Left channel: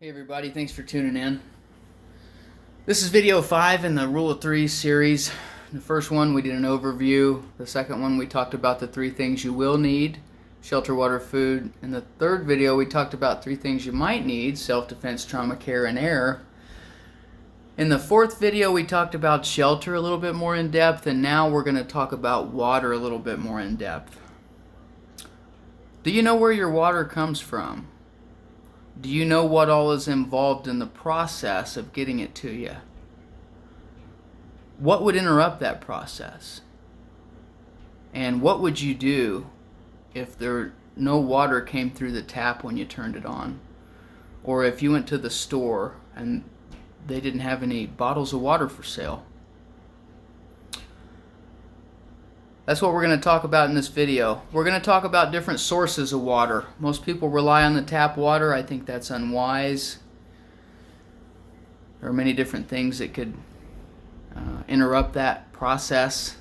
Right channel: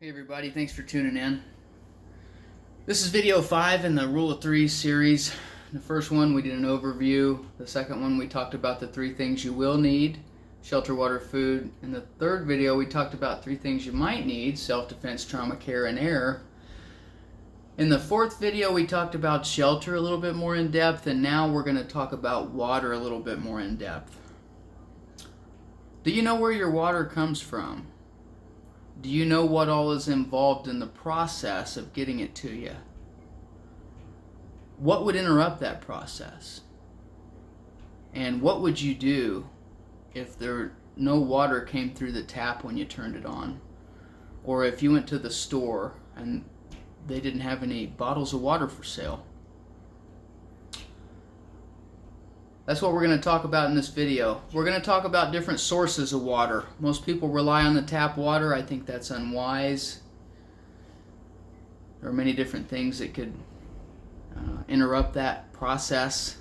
Hey everybody, thanks for tuning in. This is video 5 in the Rule of Threes series. The first one we did an overview. The second one we talked about the 3 things you will need: shelter, water, food. In the third video we talked about 3 things you might need: self-defense, trauma care, and air. In the fourth video we talked about shelter a little bit more in depth, and now we're going to talk about water a little bit more in depth. Do you know where your water comes from? Do you know what all is involved in the process of getting it to you? What would interrupt that process? And what would you do if no water came through the tap when you turned it on? Or if you went to the store and they didn't have any bottles of water for sale? That's what we're going to talk about in this video. We're going to talk about different sources of water. Most people rely on the tap water. I think that's unwise. There are many different things that could interrupt that process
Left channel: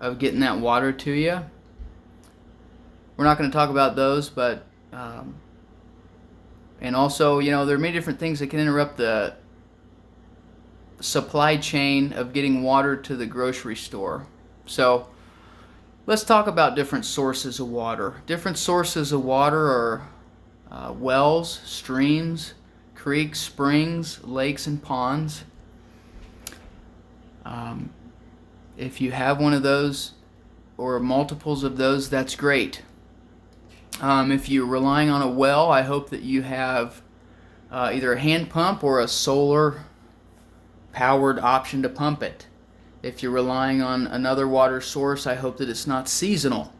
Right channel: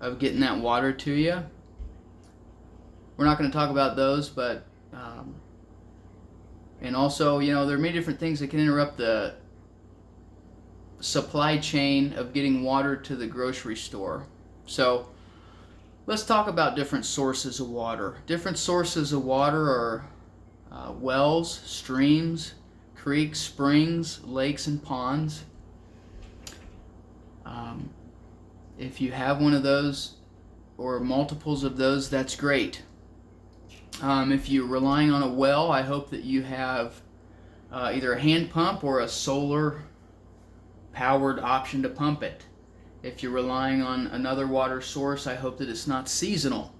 of getting that water to you. We're not going to talk about those, but and also, there are many different things that can interrupt the supply chain of getting water to the grocery store. So let's talk about different sources of water. Different sources of water are wells, streams, creeks, springs, lakes, and ponds. If you have one of those or multiples of those, that's great. If you're relying on a well, I hope that you have either a hand pump or a solar powered option to pump it. If you're relying on another water source, I hope that it's not seasonal.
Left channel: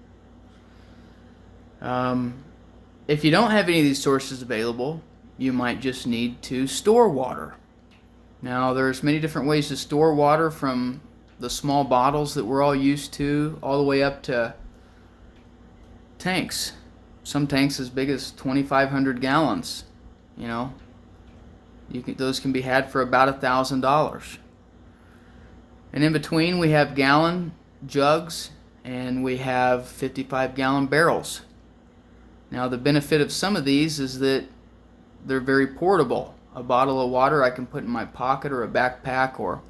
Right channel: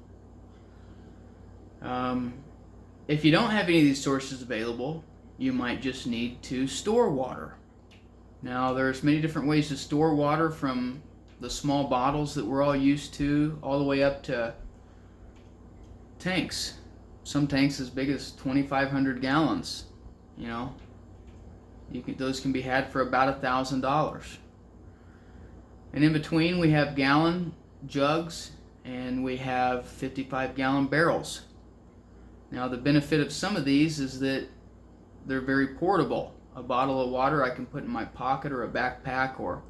If you don't have any of these sources available, you might just need to store water. Now, there's many different ways to store water, from the small bottles that we're all used to all the way up to tanks. Some tanks as big as 2,500 gallons. Those can be had for about $1,000. And in between, we have gallon jugs and we have 55-gallon barrels. Now, the benefit of some of these is that they're very portable. A bottle of water I can put in my pocket or a backpack, or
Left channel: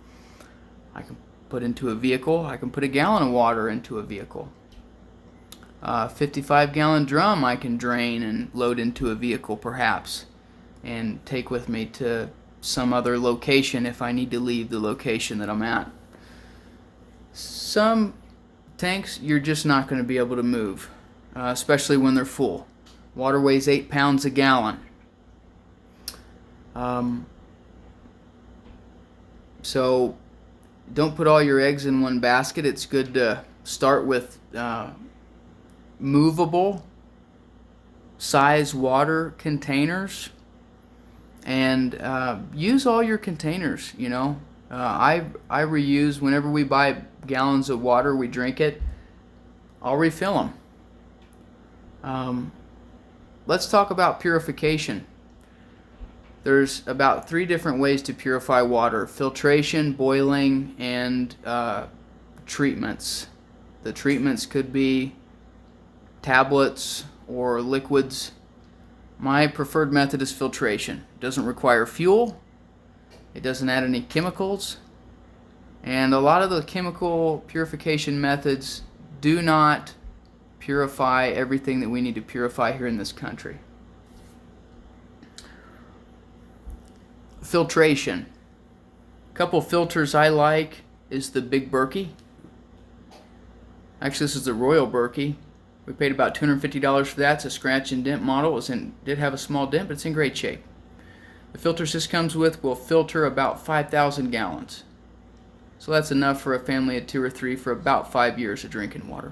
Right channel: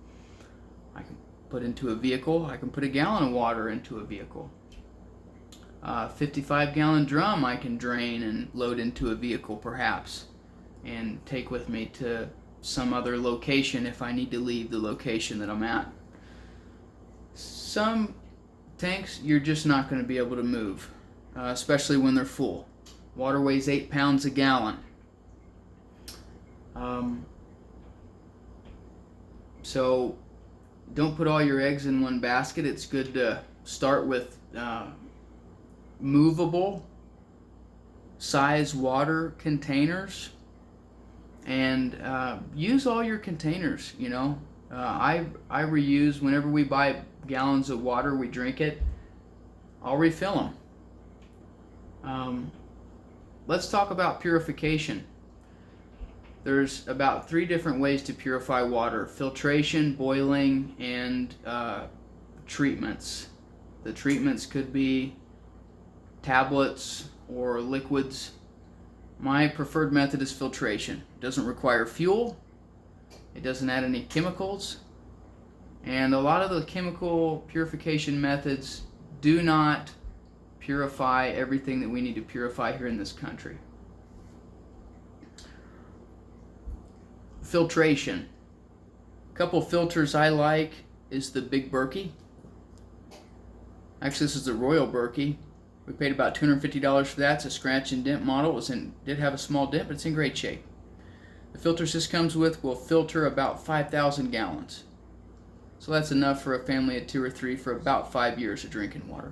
I can put into a vehicle. I can put a gallon of water into a vehicle. 55-gallon drum I can drain and load into a vehicle perhaps, and take with me to some other location if I need to leave the location that I'm at. Some tanks you're just not going to be able to move, especially when they're full. Water weighs 8 pounds a gallon. So don't put all your eggs in one basket. It's good to start with movable size water containers, and use all your containers. I reuse. Whenever we buy gallons of water, we drink it, I'll refill them. Let's talk about purification. There's about 3 different ways to purify water: filtration, boiling, and treatments. The treatments could be tablets or liquids. My preferred method is filtration. It doesn't require fuel. It doesn't add any chemicals. And a lot of the chemical purification methods do not purify everything that we need to purify here in this country. Filtration. A couple filters I like is the Big Berkey. Actually, this is the Royal Berkey. We paid about $250 for that. It's a scratch and dent model. Did have a small dent, but it's in great shape. The filters this comes with will filter about 5,000 gallons. So that's enough for a family of 2 or 3 for about 5 years of drinking water.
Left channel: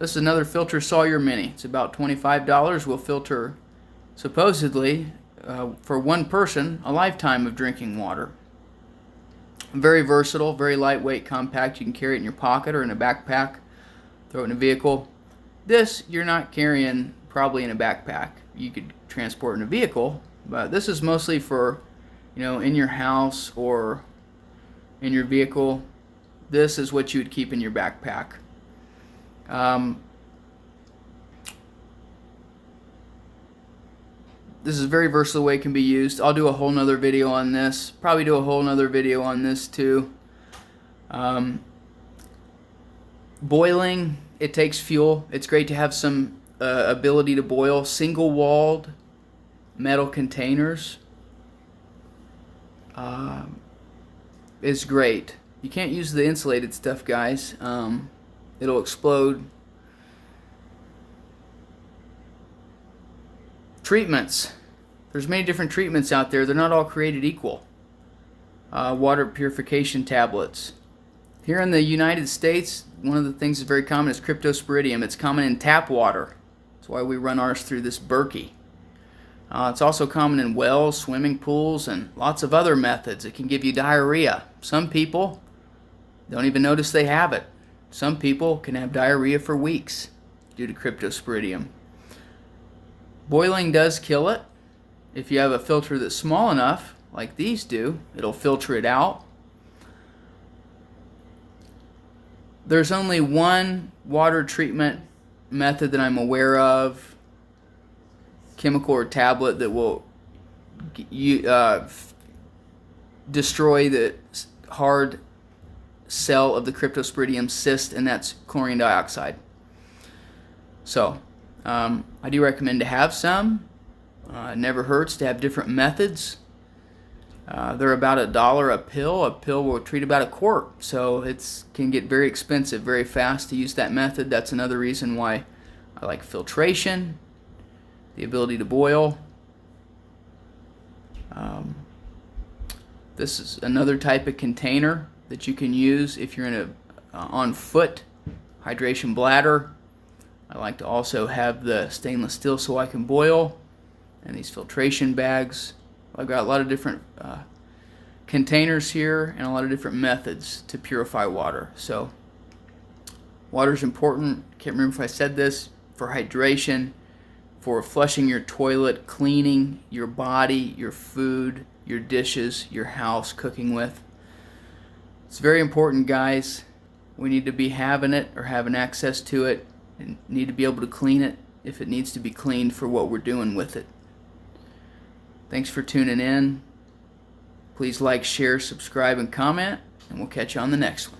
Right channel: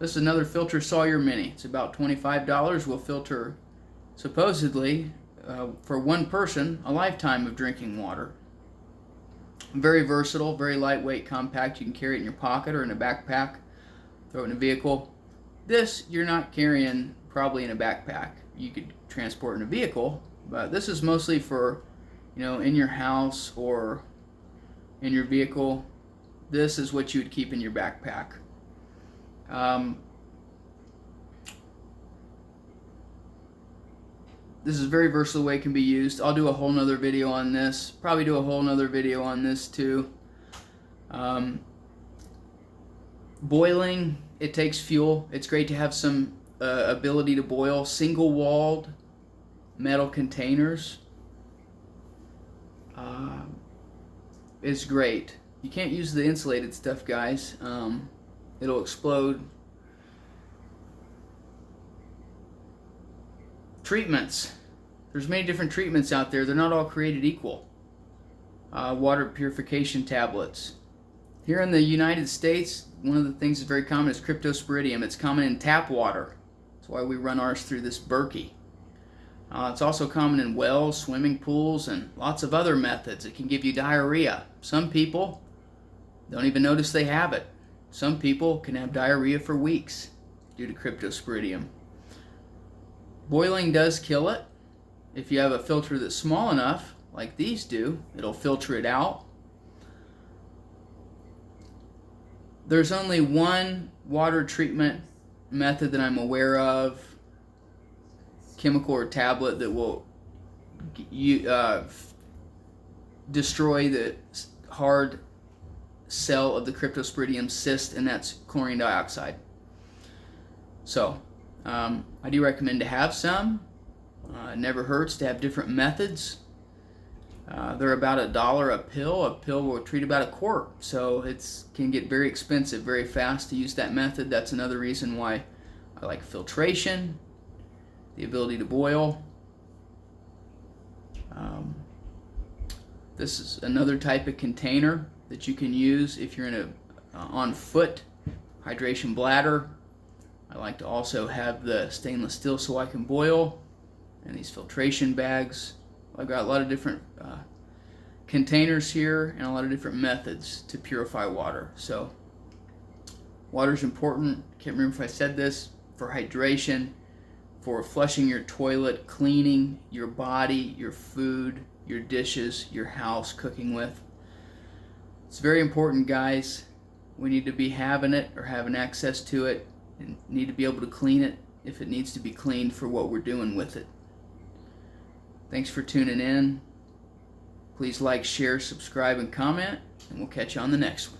This is another filter, Sawyer Mini. It's about $25. Will filter, supposedly, for one person, a lifetime of drinking water. Very versatile, very lightweight, compact. You can carry it in your pocket or in a backpack, throw it in a vehicle. This you're not carrying probably in a backpack. You could transport in a vehicle, but this is mostly for, in your house or in your vehicle. This is what you would keep in your backpack. This is a very versatile way it can be used. I'll do a whole nother video on this. Probably do a whole nother video on this too. Boiling, it takes fuel. It's great to have some ability to boil. Single-walled metal containers is great. You can't use the insulated stuff, guys. It'll explode. Treatments. There's many different treatments out there. They're not all created equal. Water purification tablets. Here in the United States, one of the things that's very common is cryptosporidium. It's common in tap water. That's why we run ours through this Berkey. It's also common in wells, swimming pools, and lots of other methods. It can give you diarrhea. Some people don't even notice they have it. Some people can have diarrhea for weeks due to cryptosporidium. Boiling does kill it. If you have a filter that's small enough, like these do, it'll filter it out. There's only one water treatment method that I'm aware of, chemical or tablet, that will destroy the hard cell of the cryptosporidium cyst, and that's chlorine dioxide. So I do recommend to have some. It never hurts to have different methods. They're about $1 a pill. A pill will treat about a quart, so it can get very expensive very fast to use that method. That's another reason why I like filtration, the ability to boil. This is another type of container that you can use if you're in a on foot hydration bladder. I like to also have the stainless steel so I can boil, and these filtration bags. I've got a lot of different containers here and a lot of different methods to purify water. So water is important. Can't remember if I said this. For hydration, for flushing your toilet, cleaning your body, your food, your dishes, your house, cooking with. It's very important, guys. We need to be having it or having access to it, and need to be able to clean it if it needs to be cleaned for what we're doing with it. Thanks for tuning in. Please like, share, subscribe, and comment, and we'll catch you on the next one.